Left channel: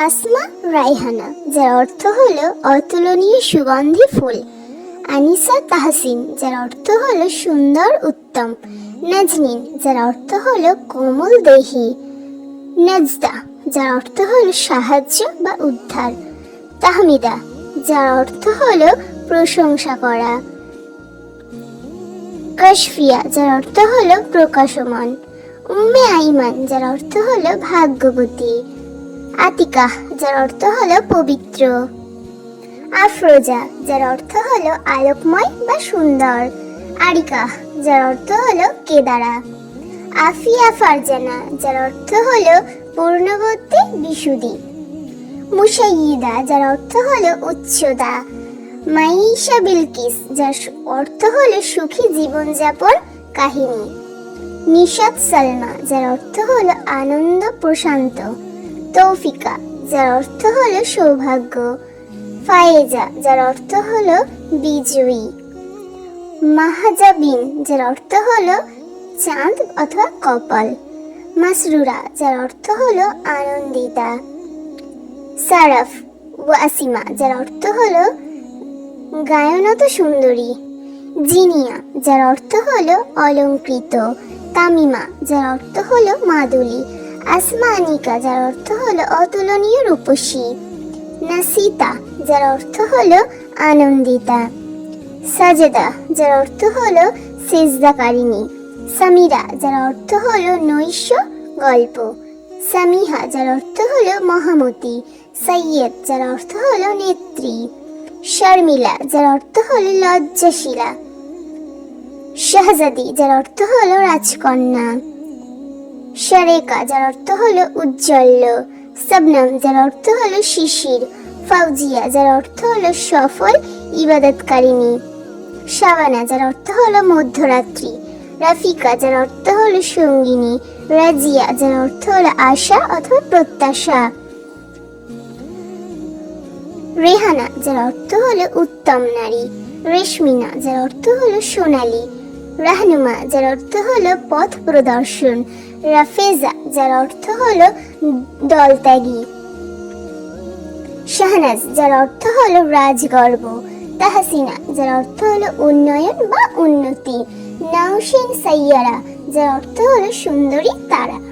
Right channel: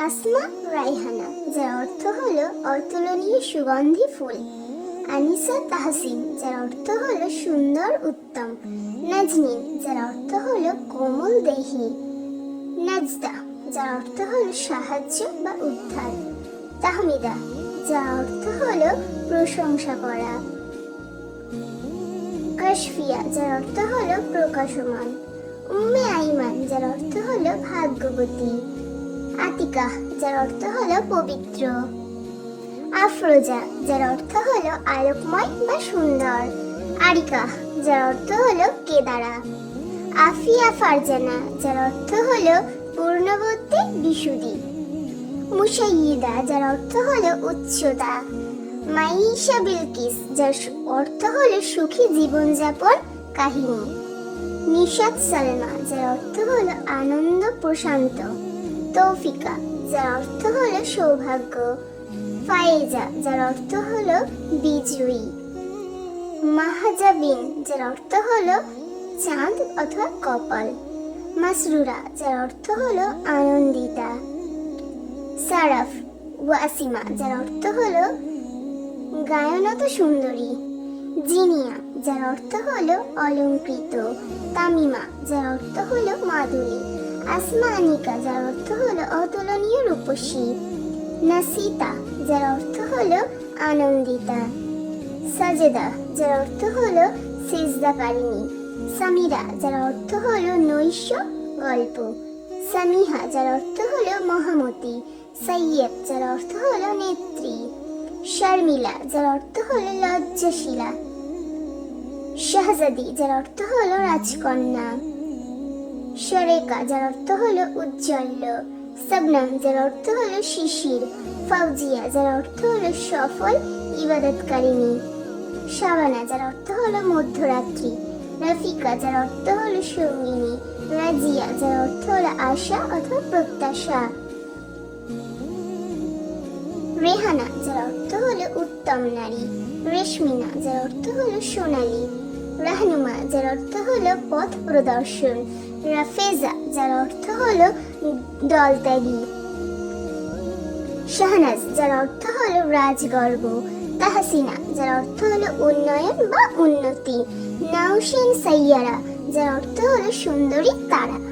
আসমা রাইহানা, যার অর্থ হলো অতুলনীয় সুগন্ধি ফুল। আনিসা তাহসিন, যার অর্থ হলো সুন্দর উত্তম। নাজনীন, যার অর্থ হলো কোমল দেহি। নাজদা, যার অর্থ হলো সাহায্য বা উদ্ধার। তাহমিদা, যার অর্থ হলো প্রশংসা করা। কাশফিয়া, যার অর্থ হলো প্রকাশমান। উম্মে আইমান, যার অর্থ হলো ভাগ্যবতী। আতিকা, যার অর্থ হলো পবিত্র। আফরোজা, যার অর্থ হলো আলোকময় বা সুন্দর। আরিকা, যার অর্থ হলো কেদারা। আফিয়া ফারজানা, যার অর্থ হলো পূর্ণবর্তী বিশুদ্ধি। মুশাইয়িদা, যার অর্থ হলো উচ্চতা। মাইশা বিলকিস, যার অর্থ হলো সুখী জীবনযাপন কাহিনী। নিশাত সালমা, যার অর্থ হলো আনন্দ প্রশান্ত। তৌফিকা, যার অর্থ হলো সৌভাগ্য। ফায়েজা, যার অর্থ হলো বিজয়ী। মাহাজাবিন, যার অর্থ হলো চাঁদ অথবা কপাল। মাসরুরা, যার অর্থ হলো আনন্দিতা। সারাফ ওয়াসিমা, যার অর্থ হলো গায়নত সুন্দরী। জিনিয়া, যার অর্থ হলো অলঙ্কৃত। তামিমা, যার অর্থ হলো মাদুলি। আসমানিকা, যার অর্থ হলো অতুলনীয় রূপসী। নাসিতা, যার অর্থ হলো আনন্দিতা। সাজেদা, যার অর্থ হলো সেজদাকারিণী। সামিরা, যার অর্থ হলো নৈশ গল্প। সামিহা, যার অর্থ হলো মহামতি। সাইয়েদ, যার অর্থ হলো নেত্রী। শর্মিলা, যার অর্থ হলো লজ্জাশীলা। শাহজাদি, যার অর্থ হলো রাজকন্যা। শারেকা, যার অর্থ হলো উজ্জ্বল। শবনম, যার অর্থ হলো শিশির। ফাউজিয়া, যার অর্থ হলো সফল ইবাদতকারিণী। শাবানা, যার অর্থ হলো মধ্যরাত্রি। রাফিকা, যার অর্থ হলো সঙ্গিনী। রাজিয়া, যার অর্থ হলো আশা অথবা প্রত্যাশা। রেহানা, যার অর্থ হলো উত্তম নারী। রেশমিনা, যার অর্থ হলো সোনালী। রাহনুমা, যার অর্থ হলো পথ প্রদর্শন। রাফেজা, যার অর্থ হলো দলত্যাগী। শাহনাজ, যার অর্থ হলো রাজগর্ব। তাহসিনা, যার অর্থ হলো উন্নয়ন বা উন্নতি। নাওশিন সাইয়ারা, যার অর্থ হলো সুন্দরী তারা।